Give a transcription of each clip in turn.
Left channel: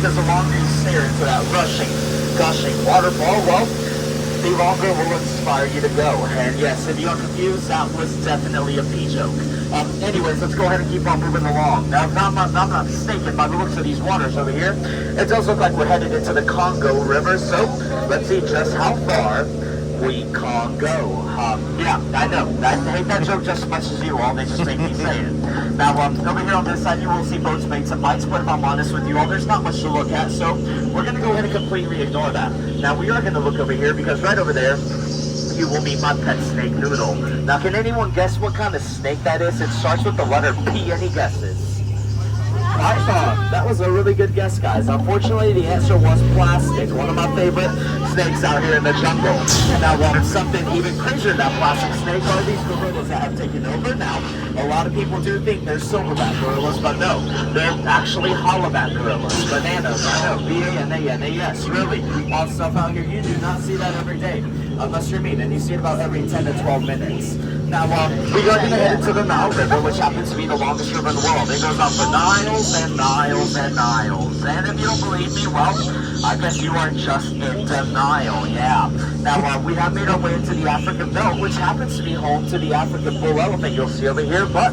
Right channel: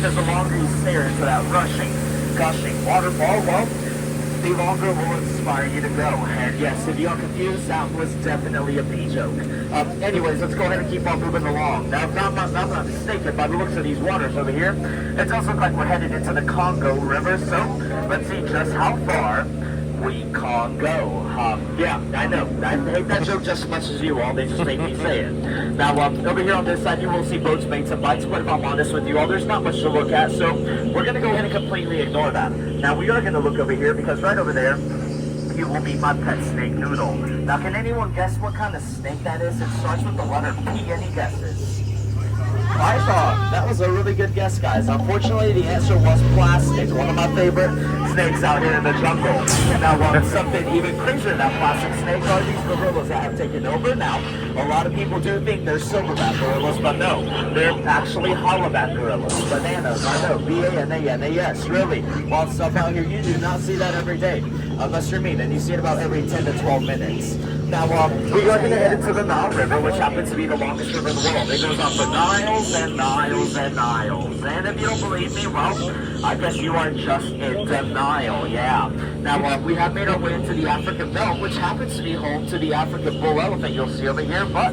because the longer you stare into that rushing, gushing waterfall, well, the longer will inspire you to go. And yes, if you are confused, that was definitely a pee joke. Anyways, let's go ahead and keep on moving along. Now, I'm not mistaken by the looks of these waters over here. It does look like we're headed into the Congo River, so let's see just how far we can go. Yeah, I know. I hate that joke just as much as you all. They just make me say it. Now, over here on this side, you will see boats, mates, and bites, but if I'm honest with you all, there's not much to look at, so we're going to go ahead and completely ignore that. Now, we are going to look over here, because right over there, you will meet my pet snake, Noodle. Now, can anyone guess what kind of snake that is? It starts with the letter P. Any guesses? Python. That was a really good guess, guys. Unfortunately, the answer was plastic. One of my favorite snakes out here in the jungle. And now, something even crazier than plastic snake are these gorillas that have taken over. Now, a lot of people do think they're silverback gorillas, but no, they're actually hollowback gorillas. Bananas, I know, B-A-N-A-N-A-S, really. Wild stuff out here. You do not see that every day, unless you're me, and you see it about every 10 to 12 minutes. Now, we are going to head into the Nile River, which happens to be the longest river in the world. It goes on for miles and miles and miles. And if you don't believe me, well, I guess you are just in denial, yeah. Now, we have made our way into the African belt, which happens to be home to the African bull elephant you'll see over here. But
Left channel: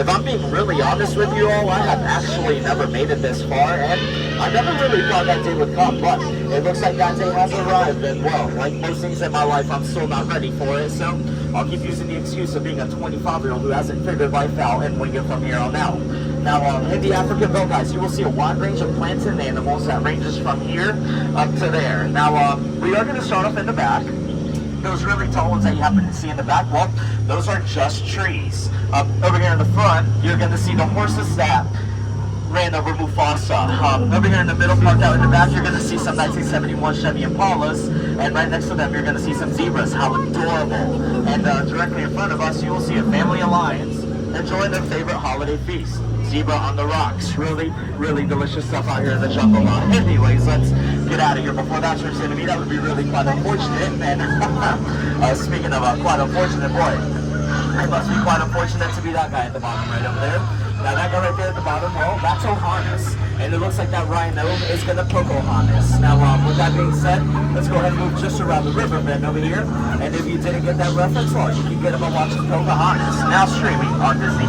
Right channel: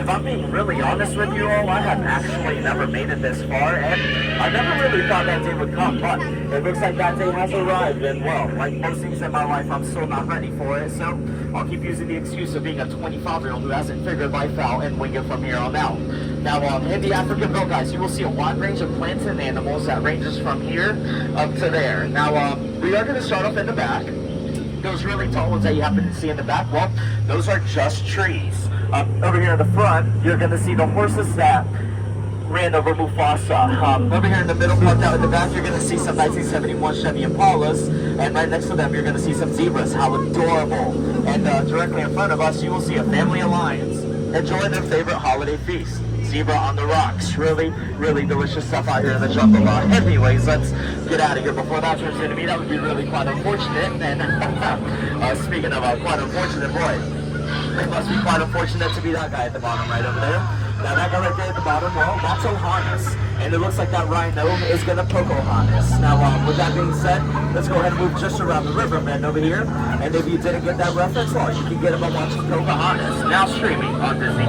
if I'm being really honest with you all, I have actually never made it this far, and I never really thought that day would come. But it looks like that day has arrived, and well, like most things in my life, I'm still not ready for it. So I'll keep using the excuse of being a 25-year-old who hasn't figured life out and wing it from here on out. Now, in the African belt, guys, you will see a wide range of plants and animals that ranges from here up to there. Now, we are going to start off in the back. Those really tall ones that you happen to see in the back, well, those are just trees. Over here in the front, you're going to see the horses that ran over Mufasa. Over here in the middle, parked out in the back, you're going to see some 1971 Chevy Impalas, and right next to them, you're going to see some zebras. How adorable. And directly in front of us, you will see a family of lions enjoying their favorite holiday feast. Zebra on the rocks. Really, really delicious stuff out here in the jungle. Anyways, let's get out of here before that turns into me. That would be really quite unfortunate. And speaking of quite unfortunate, boy, it must be quite unfortunate to be that guy at the bottom right over there. Now that guy right there at the bottom, well, that's O'Harness. And it looks like that rhino is going to poke O'Harness. Now, with that being said, let's go ahead and move just around the river bend over here. And if you didn't get that reference, well, you can get him by watching Pocahontas, now streaming on Disney+.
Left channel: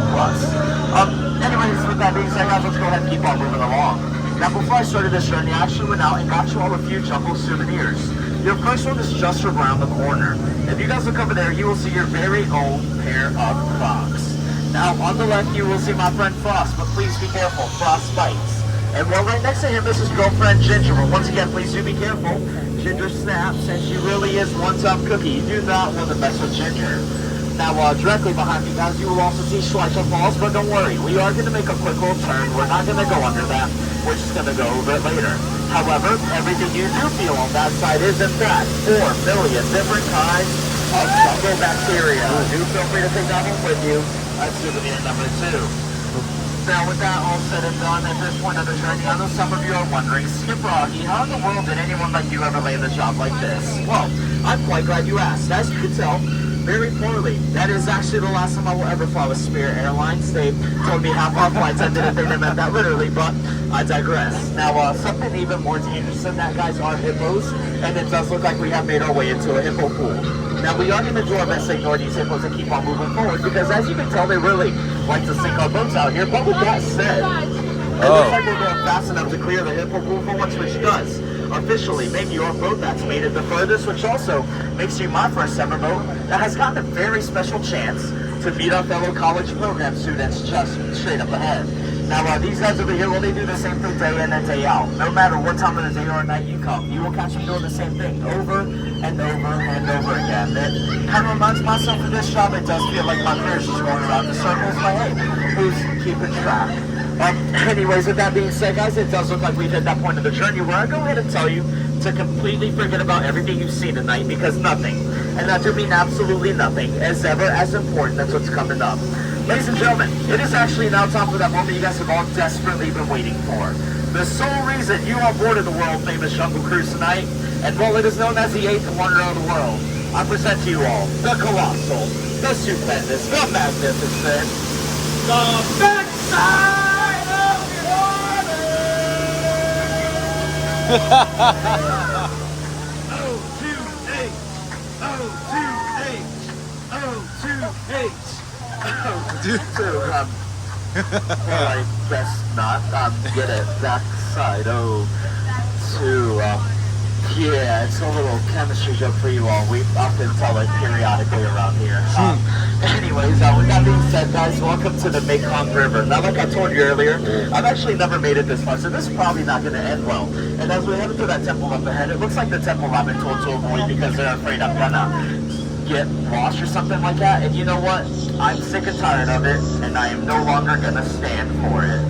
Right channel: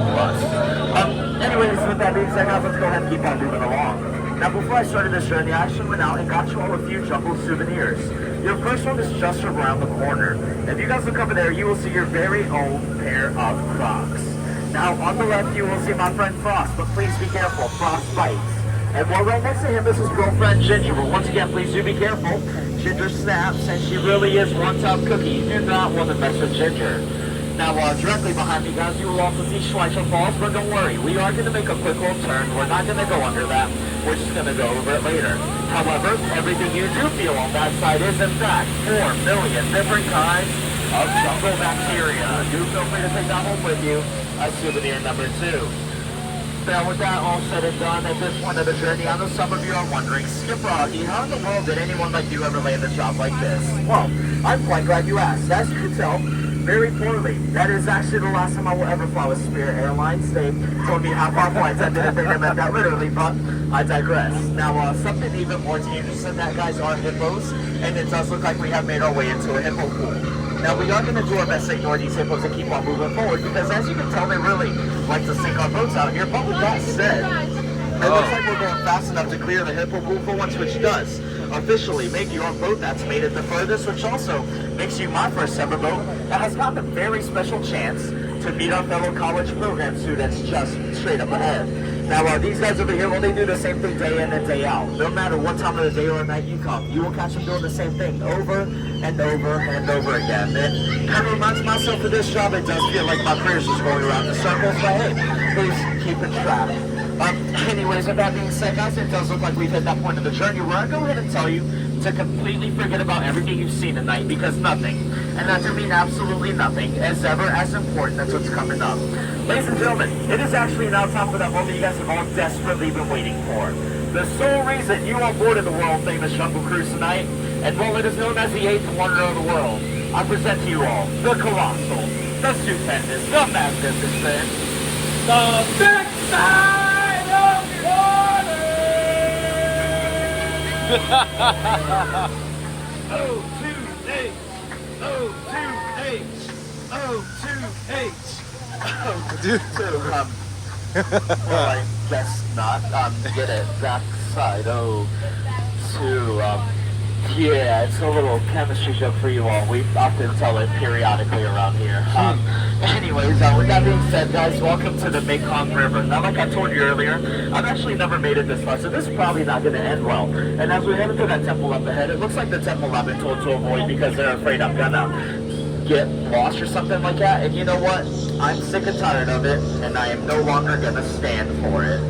Anyways, with that being said, let's go ahead and keep on moving along. Now, before I started this journey, I actually went out and got you all a few jungle souvenirs. Your first one is just around the corner. If you guys look over there, you will see your very own pair of Crocs. Now, on the left, you will see my friend Frost, but please be careful, Frost bites. And well, right next to him is his girlfriend Ginger. But once again, please do be careful. Ginger snaps, and she really is one tough cookie. You do not want to mess with Ginger. Now, directly behind me, guys, you will also see Schweitzer Falls, but don't worry, we are going to make a quick little turn. We're not going to go under that. We're just going to go over it later. However, everything you do feel on that side is, in fact, 4 million different kinds of jungle bacteria. Do feel free to take that home with you as souvenir number 2. Now, with that all said and done, at this point of the journey, I know some of you are wondering, Skip Rocky, how in the world did anyone like you ever land a job like this? Well, I'm quite glad you asked. As you can tell, very poorly. That is actually the last time I will ever fly with Spirit Airlines. They told me how far flights ended at the limit, that literally, but I digress. Now, something even more dangerous than that, guys, are hippos, and it does look like we have made our way into a hippo pool. Now, we are going to do our best to ignore these hippos and keep on moving forward, because as you can tell, they really like to sink our boats out here. But with that said, it looks like we're going fast enough to clear the hippo pool for once, which does officially make you our boat that's made it the furthest, which also makes you my first ever boat that has gotten a very special chance to meet our fellow college program students just straight up ahead. Now, these guys over here, well, they do the same thing day in and day out. No matter what time of the day or night you come, you will catch them doing the same thing over and over and over again. It kind of reminds myself of this job. It does feel like my career's just going around in circles, but hey, please keep it track. Anyways, with that being said, guys, it does look like we've hit that point of the journey where I go ahead and tell you to completely forget about everything you've seen tonight, because nothing, and that to mean absolutely nothing, is ever as important as what's coming up. Ladies and gentlemen, it is actually now time for that moment you guys have all desperately been waiting for. The sole reason you are board of the world-famous Jungle Cruise tonight, and well, it is known as the 8th wonder of the world. I present to you all the colossal, the stupendous, the magnificent, the backside of the water! O2H, O2H, O2H. Dude. I guess not. Get it that side. O2. Yeah, it's a little chemistry joke for you all. We often tell it periodically around here. Anyways, with that being said, guys, welcome to the Mekong River. Now, like I told you earlier, I've actually never made it this far, so this is probably not going to end well. And as we head into that temple up ahead, it looks like the temple I've been told to avoid because they're afraid I'm going to get lost or something like that. And you know what? I'm sick and tired of it, and I am no longer going to stand for it.